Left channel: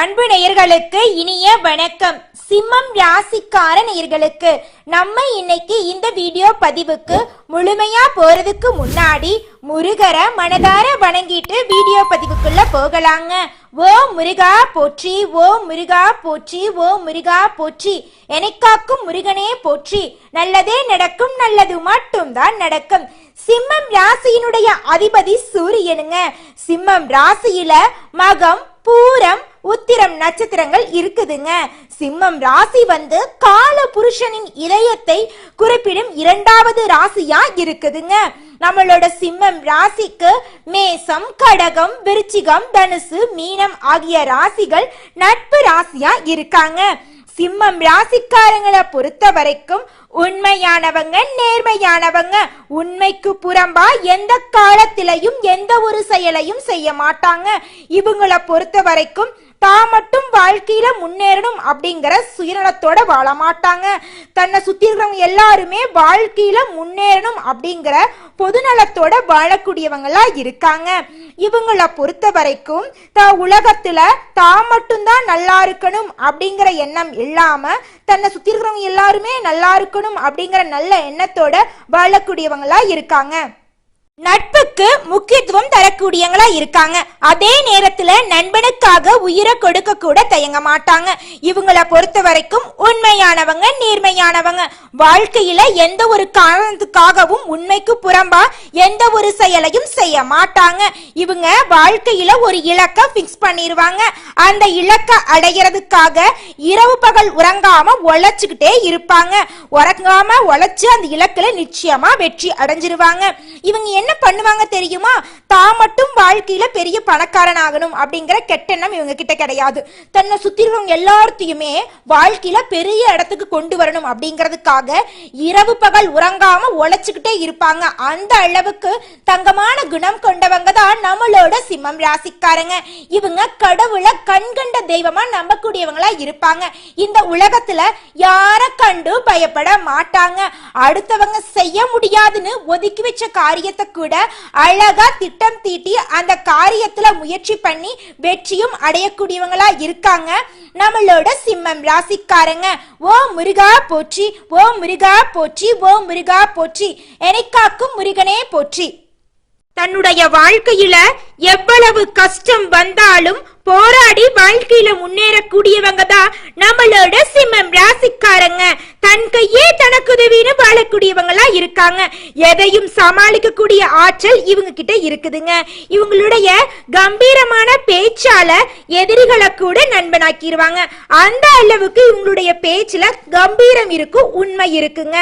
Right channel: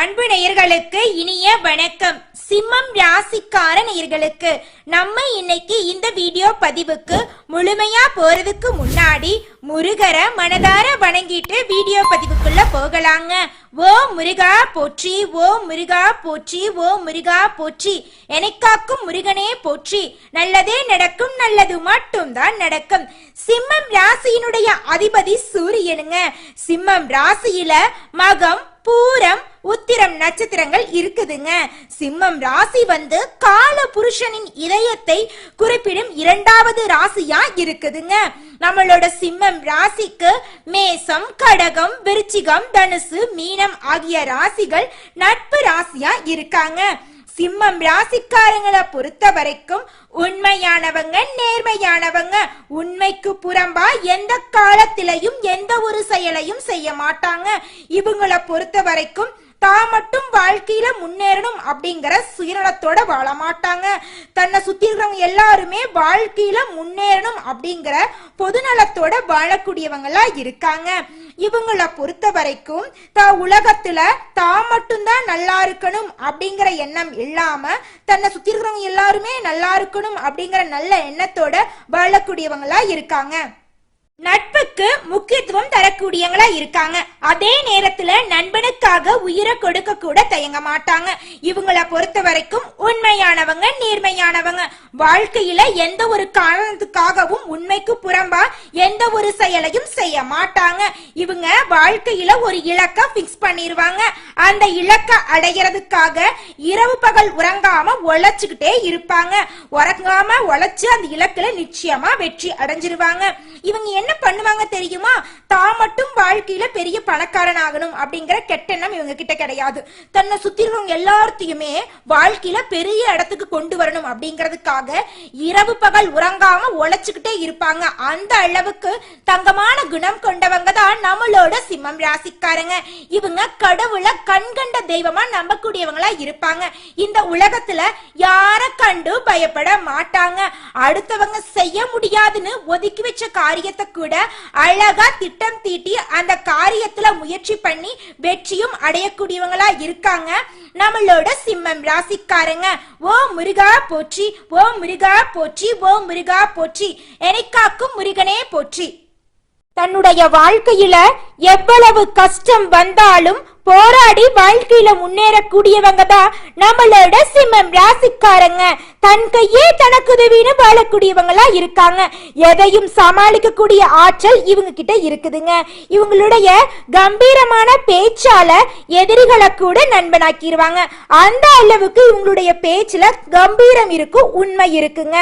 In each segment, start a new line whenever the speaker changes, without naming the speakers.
அன்பு நேயர்களுக்கு இனிய வணக்கம். சிம்மம் ராசிக்கார நேயர்களுக்கு நம்ம இன்னைக்கு இந்த வீடியோ பதிவுக்கு முழுமையா போறதுக்கு முன்னாடி முருகரை மனதார வணங்கிட்டு வீடியோ பதிவுக்குள்ள போகலாங்க. ஓ முருகா போற்றி ஓ முருகா போற்றி ஓ முருகா போற்றி. எனக்காக்கும் முருகனே போற்றி. நல்லதே நடக்கும் நல்லது மட்டும்தான் நடக்கும். சிம்மம் ராசியினுடைய அதிபதி சூரியனுங்க. சிம்மம் ராசியில மகம் பூரம் உத்திரம் நட்சத்திரங்கள் இருக்குதுங்க. சிம்மம் ராசி வந்து கால புருஷனின் இதயத்தை குறிப்பிடும் இரண்டாவது ராசியா இருக்குதுங்க. நம்மளோட சிம்மம் ராசிக்கு மேசம் கடகம் விருச்சிகம் தனுசு மீனம் ஆகிய ராசிகள் நட்பு ராசியா இருக்காங்க. சிம்மம் ராசிக்காரங்களை பொறுத்த வரைக்கும் உண்மையானவங்க நேர்மையானவங்க. உண்மைக்கு புறம்பா எந்த காலத்திலையும் எந்த ஒரு செயலையும் செய்ய மாட்டாங்க. இவங்களை பொறுத்த வரைக்கும் தான் மட்டும் வாழ்க்கையில முன்னேறணும் அப்படிங்கிற சுயநலத்தோட வாழ மாட்டாங்க தன்னை சுத்தி இருக்கிறவங்க எல்லாருமே வாழ்க்கையில முன்னேறணும் அப்படிங்கிற பொதுநலத்தோட வாழக்கூடியவங்களா இருக்காங்க. இவங்கள பொறுத்த வரைக்கும் தான் உலகத்துல தான் மட்டும்தான் நல்லா இருக்கணும் அப்படிங்கிற எண்ணம் இல்லாம தன்னை சுத்தி இருக்கிறவங்க எல்லாருமே நல்லா இருக்கணும் அப்படிங்கிற நல்ல எண்ணத்தோட வாழக்கூடியவங்களா இருக்காங்க. நட்புக்கு முக்கியத்துவம் தரக்கூடியவங்களா இருக்காங்க. அதே நேரத்துல நண்பனுக்காக உயிரை கொடுக்க கூட தயங்க மாட்டாங்க. இவங்கள பொறுத்த வரைக்கும் உண்மையானவங்க நேர்மையானவங்க. வாழ்க்கையில எந்த ஒரு காரணத்துக்காகவும் உண்மைக்கு புறம்பா எந்த ஒரு செயலையும் செய்ய மாட்டாங்க. இவங்க வாழ்க்கையில ஒரு இலக்க பிக்ஸ் பண்ணிருவாங்க. அந்த இலக்க அடைகிறதுக்காக இரவு பகல் உறங்காம உழைச்சுக்கிட்டே இருப்பாங்க. உறங்காம உழைச்சு அந்த இலக்குல நிச்சயமா வெற்றி அடைஞ்சிருவாங்க. இவங்க என்ன பண்ணுவாங்க தெரியுமா? தான் மட்டும் வாழ்க்கையில பெரிய பணக்காரன் ஆகணும் அப்படிங்கிற கெட்டெண்ணம் இவங்க கிட்ட கிடையாது. தன்னை சுத்தி இருக்கிறவங்க எல்லாத்தையுமே வாழ்க்கையில பெரிய இடத்துக்கு கொண்டு வரணும் அப்படிங்கிறதுக்காக இரவு பகல் உறங்காம உழைச்சுக்கிட்டே இருப்பாங்க. அந்த அளவுக்கு தங்கமான குணம் கொண்டவங்க தான் நம்மளோட சிம்மம் ராசிக்காரங்க. இவங்க கடவுளை கண்கண்ட தெய்வமா நம்பக்கூடியவங்களா இருப்பாங்க. இந்த உலகத்துல யார கண்டு பயப்பட மாட்டாங்க. அடுத்தவங்க செய்ய முடியாதுன்னு ஒதுக்கி வச்ச காரியத்தை கூட அழகா திட்டம் தீட்டி அந்த காரியத்துல முயற்சி பண்ணி வெற்றியும் அடையக்கூடியவங்களா இருக்காங்க. நம்மளோட சிம்மம் ராசிக்காரங்க ஓ முருகா போற்றி ஓ முருகா போற்றி ஓ முருகா போற்றி எனக்காக்கும் முருகனே போற்றி. தன்னுடைய வாழ்க்கையில எவ்வளவு கஷ்டம் வந்தாலும் போராடி வாழ்க்கையில முன்னேறக்கூடியவங்க தான் நம்மளோட சிம்மம் ராசிக்காரங்க. தன் கையே தனக்கு உதவின்னு வாழக்கூடியவங்களா இருக்காங்க. எதையும் சமாளிக்கக்கூடிய ஆற்றல் இவங்க கிட்ட இருக்குதுங்க. இவங்களுடைய கம்பீரமான பேச்சால எதிரிகளை கூட நண்பனாக்கிடுவாங்க அந்த அளவுக்கு இவங்களுடைய பேச்சுல கம்பீரம் இருக்கும் உண்மை இருக்குங்க.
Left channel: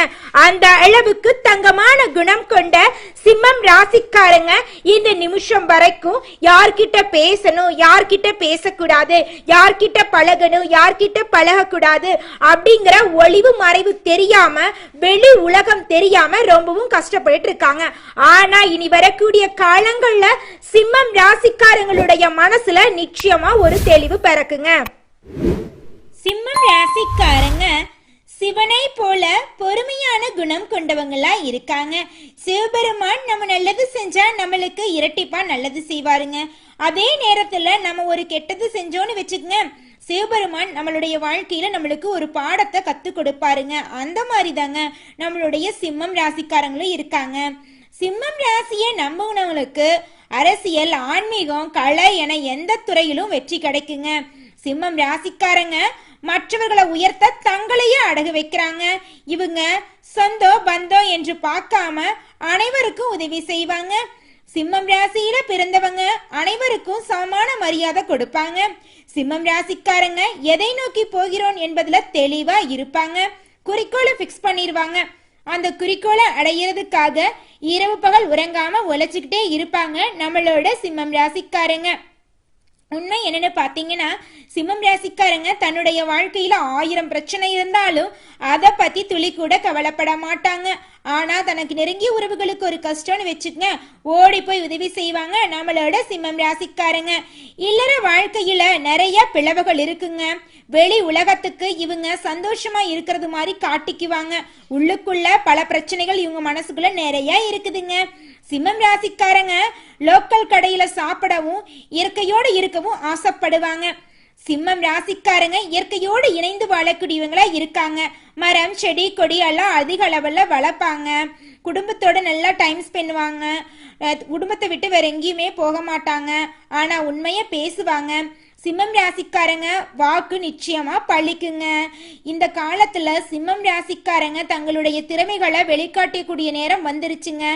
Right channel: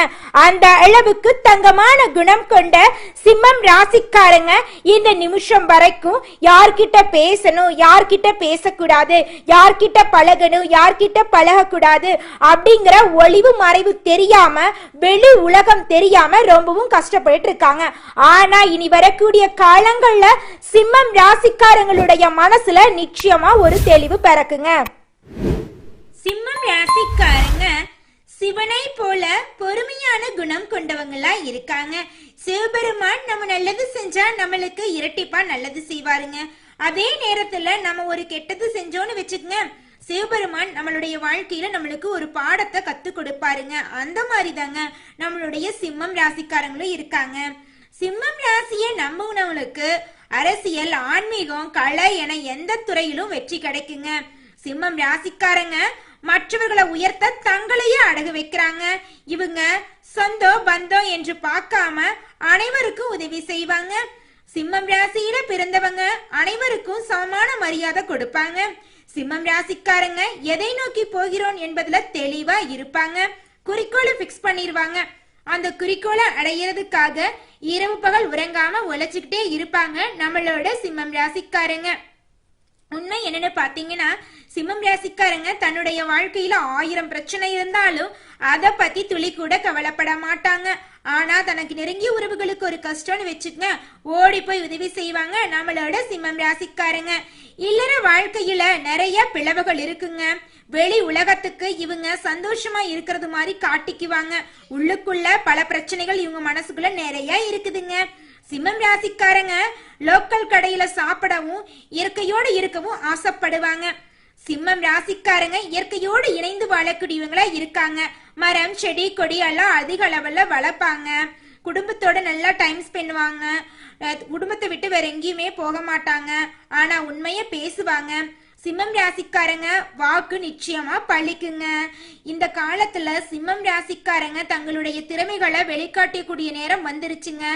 அந்த அளவுக்கு தங்கமான குணம் கொண்ட சிம்மம் ராசிக்காரங்க இந்த நிமிஷம் வரைக்கும் யார்கிட்ட பேசணும் யார்கிட்ட பேசக்கூடாது. யார்கிட்ட பழகணும் யார்கிட்ட பழகக்கூடாது அப்படிங்கிற ஒளிவு மறைவு தெரியாம வெளி உலகம் தெரியாம ரொம்பவும் கஷ்டப்பட்டு இருக்காங்க ஆனா இனி வரக்கூடிய காலங்கள்ல சிம்மம் ராசிக்காரங்களுடைய மனசுல நிச்சயமா ஒரு தெளிவு பிறக்குங்க. சிம்மம் ராசிக்காரங்க சிவனை போல பொறுமையான குணம் கொண்டவங்களா இருக்காங்க. சிவபெருமான் நம்ம நல்லது செஞ்சா நம்மளுக்கு இரட்டிப்பா நல்லது செய்வாருங்க. அதே நேரத்துல நம்ம ஒரு கெட்டது செஞ்சோன்னு வச்சுக்கங்க சிவபெருமான் நம்மளுடைய வாழ்க்கையில நம்மளுக்கு ஒரு பாடத்தை கத்து கொடுப்பாருங்க. அந்த மாதிரி தாங்க நம்மளுடைய சிம்மம் ராசிக்காரங்களும் இருக்காங்க. சிம்மம் ராசியை நம்புனவங்களுக்கு அரசியல் ஆன்மீகம் கலை என எந்த துறையிலும் வெற்றி கிடைக்குங்க. சிம்மம் ராசிக்காரங்க மற்றவர்களை உயர்த்த தங்களையே அடகு வைக்கிறாங்க. இவங்க சொந்தம் பந்தோ என்று பார்க்காம அனைவருக்கும் உதவி செய்வாங்க. சிம்மம் ராசியில பிறந்தவங்க அனைவருக்கும் சமமான மரியாதை கொடுப்பாங்க. சிம்மம் ராசிக்காரங்க எதை நோக்கி போகிறோம் என்பதுல தெளிவா இருப்பாங்க. குறிக்கோளை பிக்ஸ் பண்ணிடுவாங்க அந்த குறிக்கோளை அடையிறதுக்காக இரவு பகல் உறங்காம உழைச்சுக்கிட்டே இருப்பாங்க நம்மளோட சிம்மம் ராசிக்காரங்க. உண்மை என்னன்னு பாத்தீங்கன்னா சிம்மம் ராசிக்காரங்க தன்னுடைய வாழ்க்கையில ஆயிரம் பிரச்சனை இருந்தாலும் அத பத்தி துளி கூட கவலைப்பட மாட்டாங்க. ஆனா தனக்கு நெருங்கிய உறவுகளுக்கு ஒரு கஷ்டம்னு வச்சுக்கங்க ஓடி போய் உதவி செய்வாங்க நம்மளோட சிம்மம் ராசிக்காரங்க. இல்லற வாழ்க்கையில நிறைய பிளவுகள் இருக்குங்க. வெளி உலகத்துக்கு இவங்க சந்தோஷமா இருக்கிறது மாதிரி காட்டிக்குவாங்க. உள்ளுக்குள்ள பல பிரச்சனைகள் இவங்க மனசுக்குள்ள நிறைய இருக்குதுங்க. சிம்மம் ராசிக்காரங்க லோக்கல் கடையில சாப்பிடவும் இயற்கையோடு இருக்கவும் ஆசைப்படுவாங்க. சிம்மம் ராசிக்காரங்க இயற்கையோடு இணைந்து வாழக்கூடியவங்களா இருக்காங்க. மரம் செடி கொடி எல்லாம் அதிக அளவுல வளர்ப்பாங்க. குடும்பத்தோட நல்லா டைம் ஸ்பெண்டுவாங்க குடும்பத்தை விட்டு வேற எங்கேயுமே போக மாட்டாங்க. ஆனா உண்மைய பேசுவாங்க. சிம்மம் ராசிக்காரங்க வாக்கு நிச்சயமா பழிக்குங்க. இந்த காலத்துல சிம்மம் ராசிக்காரங்க தங்களுடைய திறமைகளை வெளிக்காட்டக்கூடிய நேரம் வந்துருச்சுங்க.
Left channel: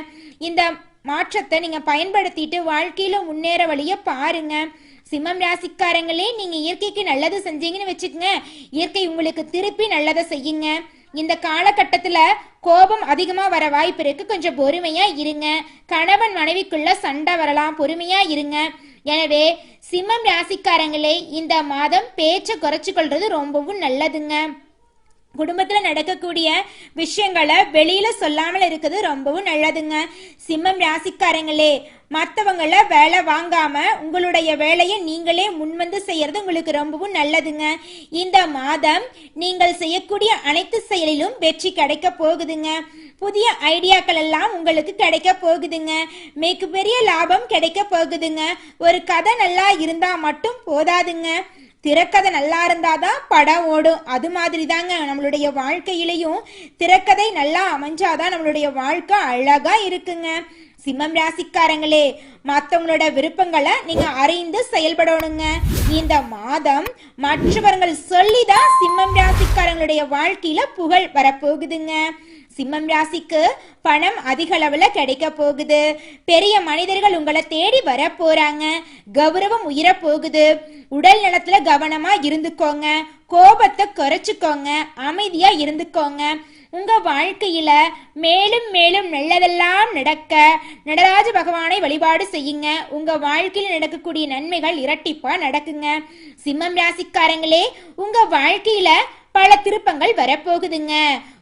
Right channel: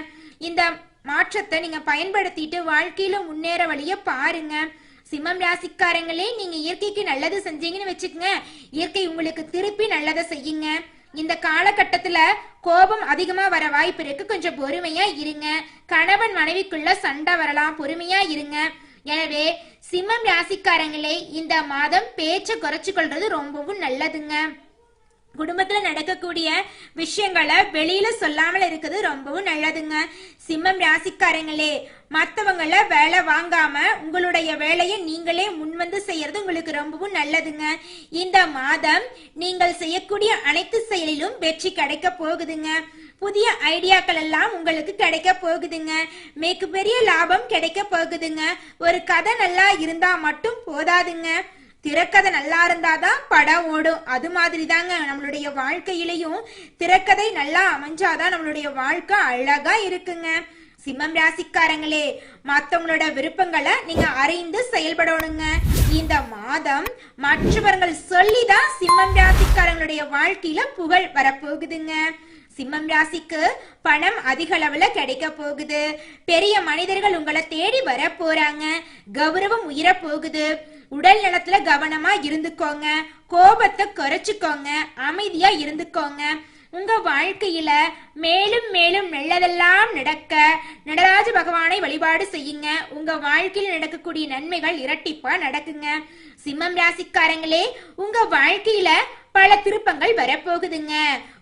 இந்த மாற்றத்தை நீங்க பயன்படுத்திட்டு வாழ்க்கையில முன்னேற வழிய பாருங்க. சிம்மம் ராசிக்காரங்களே நீங்க இயற்கைக்கு நல்லது செஞ்சீங்கன்னு வச்சுக்கோங்க. இயற்கை உங்களுக்கு திருப்பி நல்லதை செய்யுங்க. இந்த காலகட்டத்துல கோபம் அதிகமா வர வாய்ப்பு இருக்கு. கொஞ்சம் பொறுமையா இருங்க. கணவன் மனைவிக்குள்ள சண்டை வரலாம். பொறுமையா இருங்க. எனவே சிம்மம் ராசிக்காரங்களே இந்த மாதம் பேச்சை குறைச்சு கொள்றது ரொம்பவும் நல்லதுங்க. குடும்பத்துல நடக்கக்கூடிய விஷயங்களை வெளியில சொல்லாமல் இருக்குது ரொம்பவும் நல்லதுங்க. சிம்மம் ராசிக்காரங்களே மத்தவங்கள வேலை வாங்காம உங்களுடைய வேலையை நீங்களே முன்வந்து செய்யறது உங்களுக்கு ரொம்பவும் நல்லதுங்க. இந்த மாதம் நீங்கள் செய்யக்கூடிய அனைத்து செயலிலும் வெற்றி கிடைக்க போகுதுங்க. புதிய ஐடியாக்கள் எல்லாம் உங்களுக்கு கிடைக்க போகுதுங்க. மிக பெரிய லாபம் கிடைக்க போகுதுங்க. ஒரு கதை நல்லா இருந்தா மட்டும் போதாதுங்க. திரைக்கதை நல்லா இருந்தாதான் படம் ஓடும். அது மாதிரி தாங்க நம்மளுடைய வாழ்க்கையிலையும் திரைக்கதை நல்லா அமைஞ்சாதான் நம்மளுடைய வாழ்க்கை அழகா இருக்குங்க. சிம்மம் ராசிக்காரங்களே மற்றவங்களோட விருப்பங்களை நீங்க அறிந்து செயல்படணுங்க. இந்த மாதம் மற்றவர்கள் சொல்லிதான் சிம்மம் ராசிக்காரங்களுடைய வாழ்க்கையில புகழ் வரப்போகுதுங்க. சிம்மம் ராசிக்கு பணம் அதிக அளவுல கிடைக்க போகுது. பெரிய மனிதர்கள் உங்களை தேடி வர போறாங்க கௌரவம் உயர போகுது உடல் நலத்துல கவனமா இருந்துக்கோங்க. கோபத்தை குறைச்சிக்கோங்க. அமைதியா இருந்துக்கோங்க. உங்க வாழ்க்கையில மேலும் மேலும் நல்லதெல்லாம் நடக்க நடராஜ பகவானை வழிபாடு செய்யுங்க. உங்க வாழ்க்கையில் நடக்கக்கூடிய நன்மைகள் இரட்டிப்பா நடக்குங்க. சிம்மம் ராசிக்காரங்களே உங்க வாழ்க்கையில பல திருப்பங்கள் வரப்போகுதுங்க.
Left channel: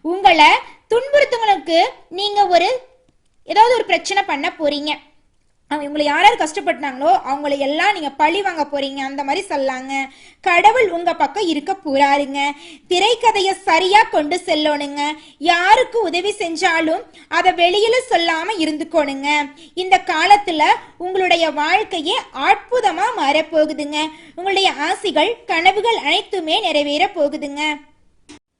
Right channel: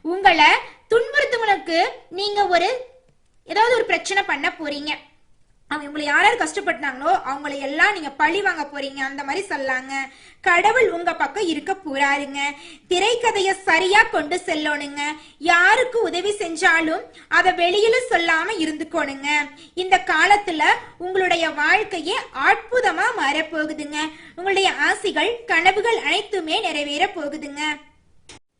உங்களை துன்புறுத்தவங்களுக்கு நீங்க ஒரு ஏதாவது ஒரு பிரச்சனை பண்ண போறீங்க. அவங்க உங்களை யார் யார் கஷ்டப்பட்டாங்களோ அவங்கள எல்லாம் நீங்க பழி வாங்க போறீங்க அந்த மாதிரி சொல்லாங்க. கடவுள் உங்க பக்கம் இருக்க போறாருங்க. திரைக்கதைய சரியா கொண்டு செல்லணுங்க. யாருக்கு உதவி செஞ்சாலும் அதை வெளியில சொல்லாம இருந்துக்கோணுங்க. இந்த காலத்துல உங்களுடைய வாழ்க்கையே அற்புதமா மாறப்போகுதுங்க. உங்களுடைய ஆசைகள் கனவுகள் அனைத்துமே நிறைவேற போகுதுங்க.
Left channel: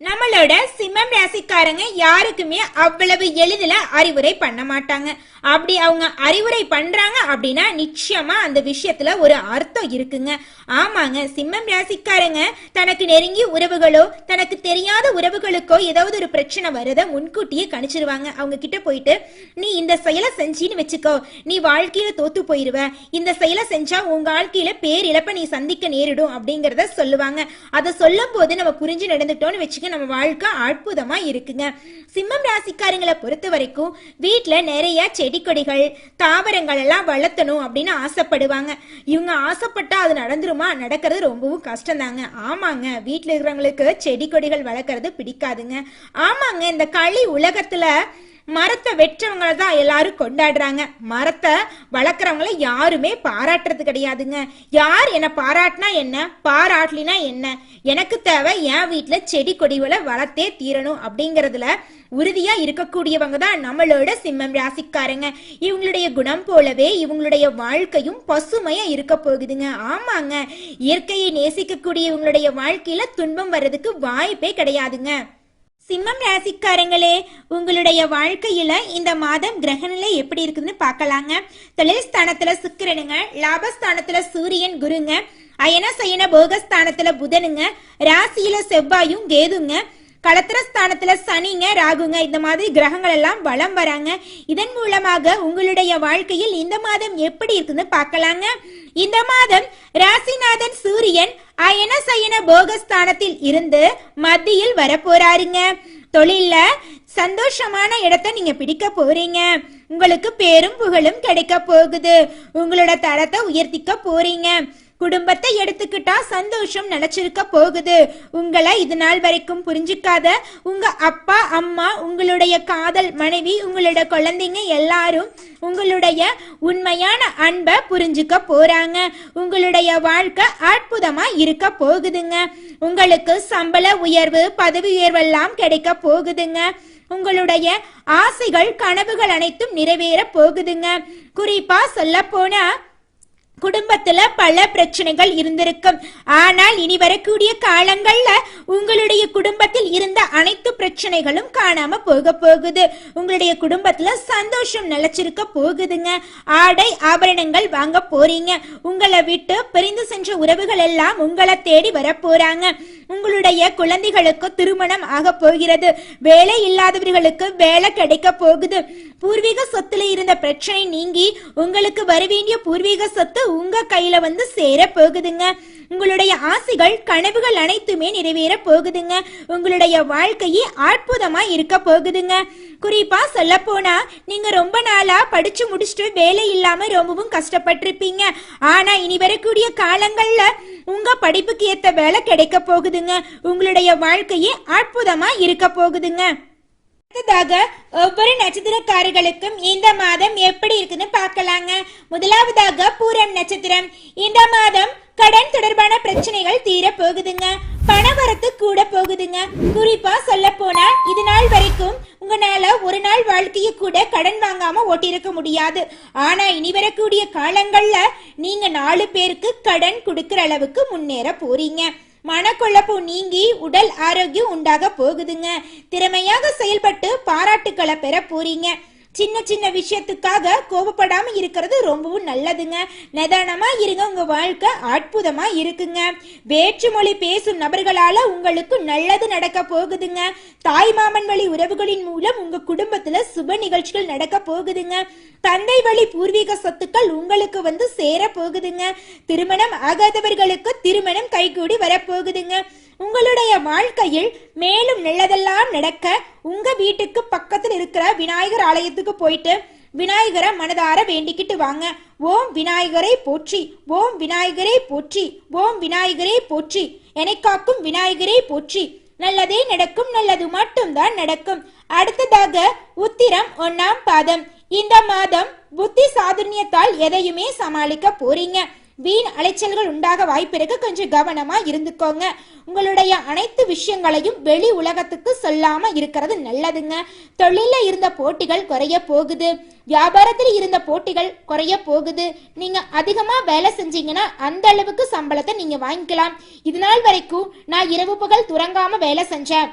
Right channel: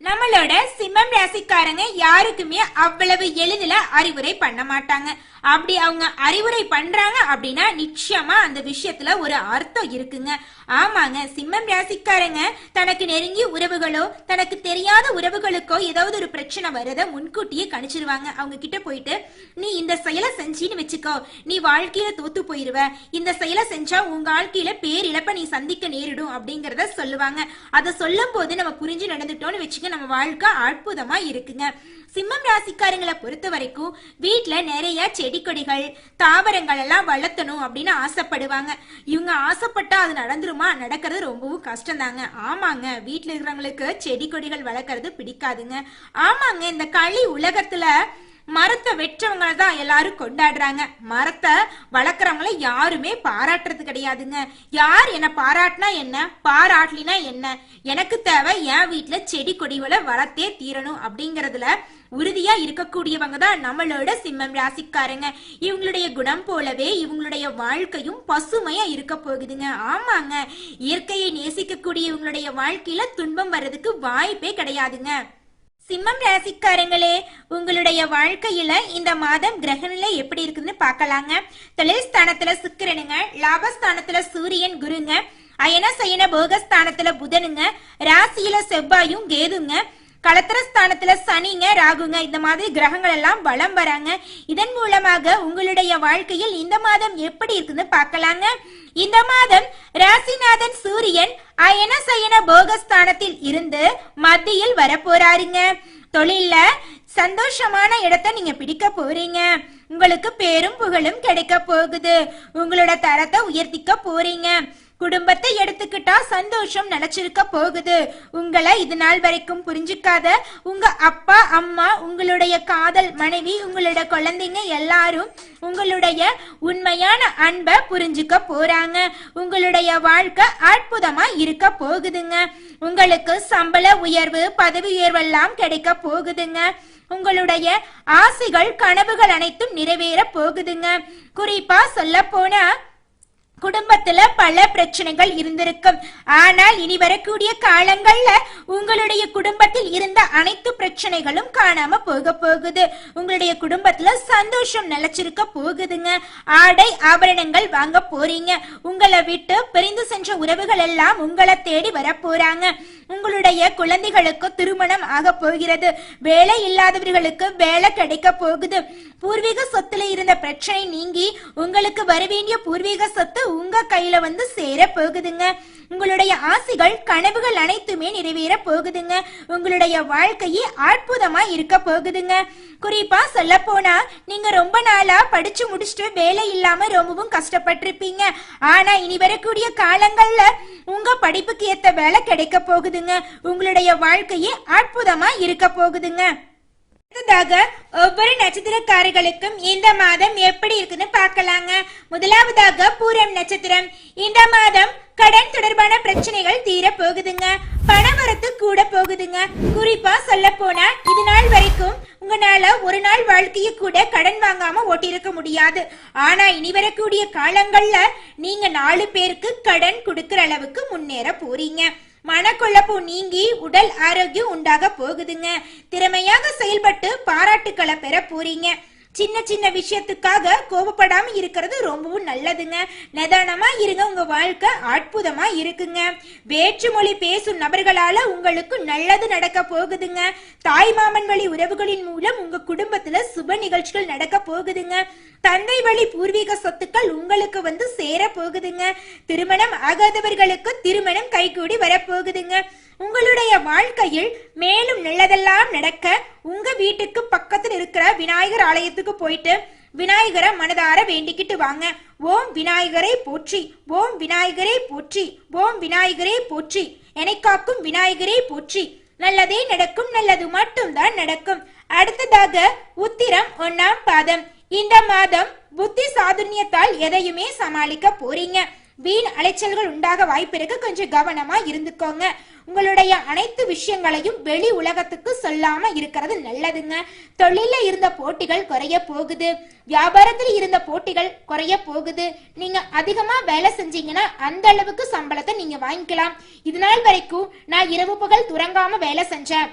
நம்மளோட சிம்மம் ராசிக்காரங்க யாருக்குமே அவ்வளவு எளிதில அறிவுரை பண்ண மாட்டாங்க. அப்படி அவங்க அறிவுரை பண்றாங்க அப்படின்னா நிச்சயமா அந்த விஷயத்துல ஒரு அர்த்தம் இருக்குங்க. ஆமாங்க சிம்மம் ராசிக்காரங்க தனக்கு நெருங்கிய உறவுகளோ தனக்கு தெரியாத உறவுகளுக்கோ ஏதாவது ஒரு பிரச்சனை வருத முன்கூட்டியே கணிச்சிருவாங்க. அவங்க கிட்ட போயிட்டு நீ இந்த செயலை செஞ்சின்னு வச்சுக்கோ. நீ வாழ்க்கையில தோத்து போயிருவ. இந்த செயலை செஞ்சா உங்க வாழ்க்கையில பேர் இழப்ப நீ சந்திக்க நேரிடும் அப்படிங்கறத சொல்லுவாங்க. அதை சொல்லும் போது நம்ம புரிஞ்சு நடந்துட்டோம்னு வச்சுக்க நம்ம வாழ்க்கை அற்புதமா இருக்குங்க. சிம்மம் ராசிக்காரங்களை பொறுத்த வரைக்கும் வீட்டுல நிறைய செடி கொடிகள் தாவரங்கள் எல்லாம் வளர்த்தணும் அப்படின்னு ஆசைப்படுவாங்க. இவங்க ஆசைப்பட்டா அது நடந்துரும்? நடக்கிறது ரொம்பவும் கஷ்டம் தாங்க ஆமாங்க வீட்டில் இருக்கிறவங்களுக்கு செடி கொடிகள் வளர்க்கறது பிடிக்காதுங்க. ஆமாங்க இந்த களி உலகத்துல மரத்தை வெற்றவங்கள தான் எல்லாரும் கொண்டாடுறாங்க. மரத்தை வளர்க்குறவங்கள யாருமே பாராட்டுறது கிடையாதுங்க. யார் என்னை பாராட்டினா என்ன? பாராட்டலினா என்ன? எனக்கு தேவை என் வீட்டில் செடி கொடிகளை வளர்த்தே தீரணும் அப்படிங்கறதுல உறுதியா இருக்கக்கூடியவங்க தான் நம்மளோட சிம்மம் ராசிக்காரங்க. இவங்களுடைய குணம் போலவே இவங்களுடைய வாழ்க்கையும் பசுமையா இருக்க போகுதுங்க. ஆமாங்க. இயற்கையை நேசிக்கக்கூடிய இவங்களுடைய வாழ்க்கையில துன்பம் வர்றதுக்கு வாய்ப்பே கிடையாதுங்க. சிம்மம் ராசிக்காரங்களே உங்களுடைய வாழ்க்கையில இந்த மாதம் கிரகநிலை எப்படி இருக்குதுன்னு பார்க்கலாங்க. தொழில் ஸ்தானத்துல சுக்கிரனுங்க லாபஸ்தானத்துல சூரியன் குருங்க அயன சயன போகஸ்தானத்துல புதனுங்க ராசியில செவ்வாயும் கேதுங்க களத்திரஸ்தானத்துல சனிங்க ராகுங்க இந்த மாதிரி கிரகங்கள் எல்லாம் வலம் வராங்க. இதன் மூலமாக உங்களுடைய வாழ்க்கையில் இந்த மாதம் எப்படி இருக்குன்னு பார்க்கலாங்க. இந்த மாதம் ராசிநாதன் சூரியன் அயன சயன போகஸ்தானத்தில் இருந்து மத்தியில் வரப்போறாருங்க. தொழில்ல சந்தோஷமான இடத்த நீங்க பிடிக்க போறீங்க. உங்களுக்கு பேரும் புகழும் கிடைக்க போகுது. உங்களோட தரத்தை உயர்த்திக்க போறீங்க. குடும்பத்தை எடுத்துக்கிட்டா சந்தோஷம் நினைச்சிருக்க போகுது. உங்களை இது நாள் வரைக்கும் புரிஞ்சுக்காத உங்க அப்பா அம்மா உங்களுடைய காதல் மனைவி உங்களோட குழந்தைங்க எல்லாரும் உங்களுடைய உண்மையான அன்பை புரிஞ்சுக்க போறாங்க. உங்களுடைய வாழ்க்கை அற்புதமா இருக்க போகுதுங்க. உங்களுக்கு சம்பள உயர்வு பதவி உயர்வெல்லாம் கிடைக்க போகுதுங்க. உங்களுடைய ஆசைகள் கனவுகள் அனைத்தும் நிறைவேற போகுதுங்க. குறிப்பா சொல்ல போனா குடும்பத்துல பல பிரச்சனைகள் இருந்திருக்கும். ஆனால் இனி வரக்கூடிய காலங்கள்ல உங்களுடைய குடும்பத்தில் இருந்த அனைத்து பிரச்சனைகளும் காணாம போக போகுது. உங்களுடைய குடும்பத்துல சந்தோஷம் நிலைச்சிருக்க போகுதுங்க. ஆடை ஆபரணங்கள் வாங்க போறீங்க. உங்களை விட்டு பிரிந்து சென்ற உறவுகள் எல்லாம் உங்களை தேடி வர போறாங்க உங்களுடைய குழந்தைகளுக்கு திருமணம் ஆக போகிறது. வேலை இல்லாதவர்களுக்கு வேலை கிடைக்க போகுது. பூர்வீக சொத்துல இருந்த பிரச்சனை நீங்கி உங்களுக்கு வர வேண்டிய பூர்வீக சொத்து உங்க கையில வந்து சேர போகுதுங்க. உங்களுடைய ஆசைகள் கனவுகள் அனைத்துமே நிறைவேற போகுதுங்க. உங்களுடைய வாழ்க்கையே அற்புதமா இருக்க போகுதுங்க. குறிப்பா சொல்ல போனா நீங்க ரொம்ப நாளா படிச்சு முடிச்சுட்டு வேலை இல்லாம ரொம்பவும் கஷ்டப்பட்டிருப்பீங்க. ஆனா இனி வரக்கூடிய காலங்கள்ல உங்க படிப்புக்கு ஏத்த வேலை கிடைக்க போகுதுங்க. உங்களுடைய வாழ்க்கையே அற்புதமா இருக்க போகுதுங்க. அடுத்ததாக ஒவ்வொரு நட்சத்திரக்காரர்களுக்கும் இந்த மாதம் எப்படி இருக்குன்னு பார்க்கலாங்க. முதலாவதாக பூரம் நட்சத்திரம். இந்த மாதம் கடன் தொடர்பான பிரச்சனைகள் தீர போகுதுங்க பணவரத்து கூட போகுதுங்க. குறிப்பா சொல்ல போனா இது நாள் வரைக்கும் உங்களால ஒரு நாள் வாழ்க்கையை கூட கடன் வாங்காம ஓட்டியிருக்க முடியாது. ஆனா இனி வரக்கூடிய காலங்கள்ல நீங்க நாலு பேருக்கு கடன் கொடுக்கற அளவுக்கு முன்னேற போறீங்க. மனக்குழப்பம் நீங்கி உடல் ஆரோக்கியம் உண்டாக போகுதுங்க. திறமையாக செயல்பட்டு பாராட்டுக்களை பெற போறீங்க. சின்ன சின்ன விஷயத்துக்காக கோபப்படாம இருக்கிறது ரொம்பவும் நல்லதுங்க. நிதானமா இருங்க உங்க வாழ்க்கை அற்புதமா இருக்குங்க. வேற்று மொழி பேசும் நபர்களால உங்களுக்கு நல்லது நடக்க போகுதுங்க. தாய் மாமன் வழி உறவுகளின் மூலம் உங்க குடும்பத்துல சுப நிகழ்ச்சிகள் நடக்க போகுதுங்க. தந்தை வழி பூர்வீக சொத்துக்கள் உங்களுக்கு வந்து சேர போகுதுங்க. திருமணம் ஆகாதவர்களுக்கு திருமணம் கைகூடி வரப்போகுதுங்க உங்களுடைய வாழ்க்கையில் மேலும் நல்லதெல்லாம் நடக்க உங்க வீட்டுக்கு பக்கத்தில் இருக்கிற விநாயகர் ஆலயத்துக்கு போயிட்டு விநாயகரை மனதார வேண்டிக்கிட்டு வாங்க. ஓம் விநாயகரை போற்றி ஓம் விநாயகரை போற்றி ஓம் விநாயகரை போற்றி. என்னை காக்கும் விநாயகரை போற்றி. நல்லதே நடக்கும் நல்லது மட்டும்தான் நடக்கும். அடுத்ததாக உத்திரம் ஒன்னாம் பாதம். இந்த மாதம் புத்தி சாதுர்யத்தால் எதையுமே சமாளிக்க போறீங்க. வீண் அலைச்சல்கள் உண்டாக வாய்ப்பிருக்கு கொஞ்சம் கவனமா இருந்துக்கோங்க. உங்களுடைய அனைத்து விஷயங்களையும் வெளி உலகத்துக்கு சொல்லாம இருக்கிறது நல்லதுங்க. தொழில இருந்த போட்டிகள் குறைய போகுது. வியாபாரத்தில் இருந்த போட்டிகள் குறைய போகுது. நீங்க அதிகமா வேலை செஞ்சீங்கன்னா அந்த அளவுக்கு சம்பளத்தை நீங்க வாங்கிக்கலாம். இது நாள் வரைக்கும் நான் இரவு பகல் துறங்காம வேலை செஞ்சேன்.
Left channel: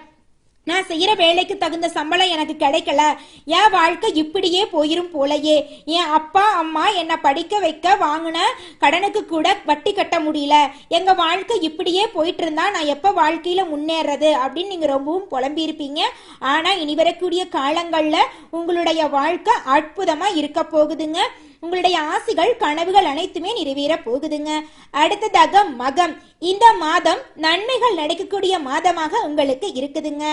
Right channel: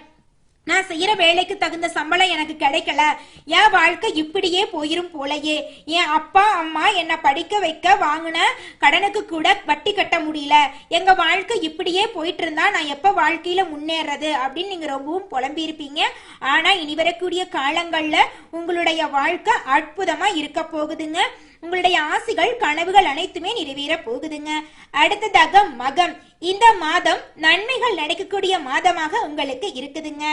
நான் செய்யற வேலைக்கு தகுந்த சம்பளம் எனக்கு கிடைக்கல. என் வாழ்க்கை இப்படியே போயிரும் போலயே. என் அப்பா அம்மா என்னை படிக்க வைக்க வாங்கின கடனுக்கு கூட வட்டி கட்ட முடியல. எங்க வாழ்க்கை இப்படியே போயிட்டு இருந்தா நான் எப்ப வாழ்க்கையில முன்னேறது அப்படின்னு நீங்க ரொம்பவும் புலம்பியிருப்பீங்க. ஆனா இனி வரக்கூடிய காலங்கள்ல உங்களுடைய வாழ்க்கை அற்புதமா இருக்க போகுதுங்க. உங்களுடைய ஆசைகள் கனவுகள் அனைத்துமே நிறைவேற போகுதுங்க. அடுத்ததாக மகம். இந்த மாதம் நன்மைகள் நடக்கக்கூடிய மாதமாக உங்களுக்கு இருக்குதுங்க.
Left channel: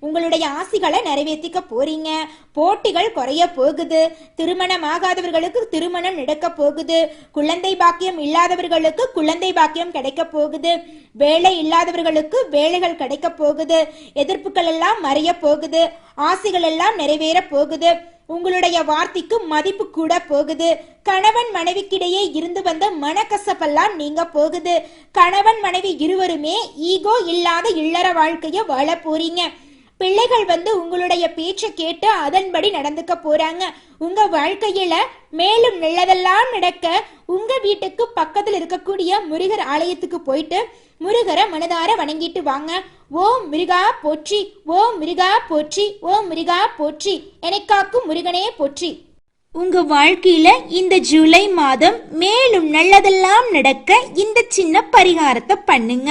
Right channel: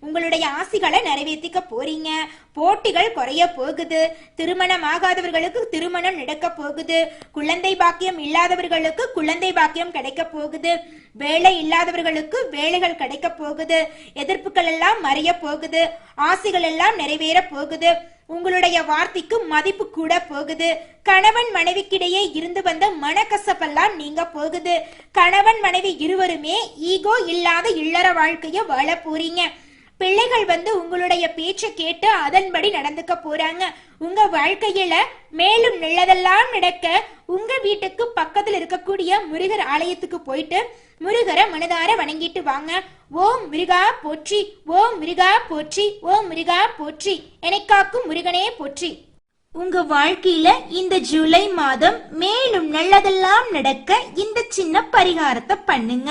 உங்களுடைய ஆசைகளை நிறைவேற்றிக்க போறீங்க. போட்டிகள் குறைய போகுது. திருமணம் ஆகாதவர்களுக்கு திருமணம் நடக்க போகுது. குழந்தை பாக்கியம் இல்லாதவர்களுக்கு குழந்தை பாக்கியம் கிடைக்க போகுது. வேலை இல்லாதவர்களுக்கு வேலைகள் கிடைக்க போகுது. எதிர்ப்புகள் எல்லாம் மறைய போகுது. ஆசைகள் எல்லாம் நிறைவேற போகுது. உங்களுடைய வார்த்தைக்கு மதிப்பு கூட போகுது. கணவன் மனைவிக்கிடையே இருந்து வந்த மனக்கசப்பெல்லாம் நீங்க போகுது. கணவன் மனைவி இருவருமே ஈகோ இல்லாத இல்லற வாழ்க்கைய வாழ போறீங்க. பிள்ளைகள் வந்து உங்களுடைய பேச்சை கேட்டு அதன்படி நடந்துக்க போறாங்க. உங்க வாழ்க்கையில மேலும் நல்லதெல்லாம் நடக்க உங்க வீட்டுக்கு பக்கத்துல இருக்கக்கூடிய முருகர் ஆலயத்துக்கு போயிட்டு முருகரை மனதார வணங்கிட்டு வாங்க. ஓம் முருகா போற்றி ஓம் முருகா போற்றி ஓம் முருகா போற்றி எனக்காக்கும் முருகனே போற்றி. உங்க வாழ்க்கையில இந்த ஜூலை மாதம் மேலும் நல்லதெல்லாம் நடக்க இந்த சின்ன பரிகாரத்தை பண்ணுங்க.